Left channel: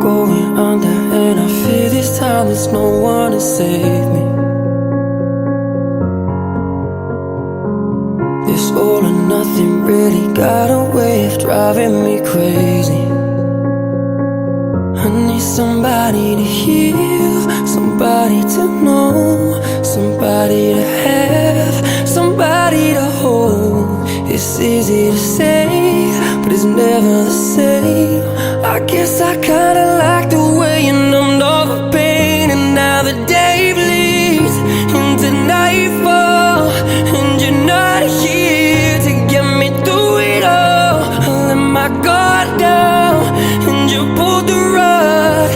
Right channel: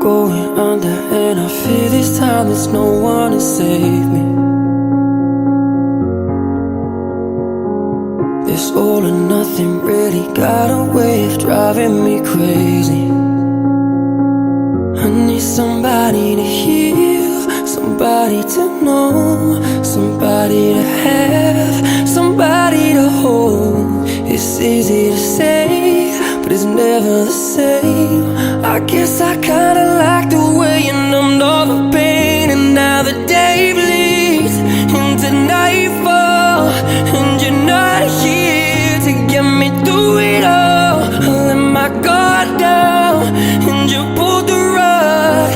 going under, and I fear this time there's no one to save me. This all or nothing really got a way of driving me crazy. I need somebody to heal, somebody to know, somebody to have, somebody to hold. It's easy to say, but it's never the same. I guess I kinda like the way you numbed all the pain, and now the day bleeds into nightfall, and you're not here to get me through it all. I let my guard down, and you pulled the rug.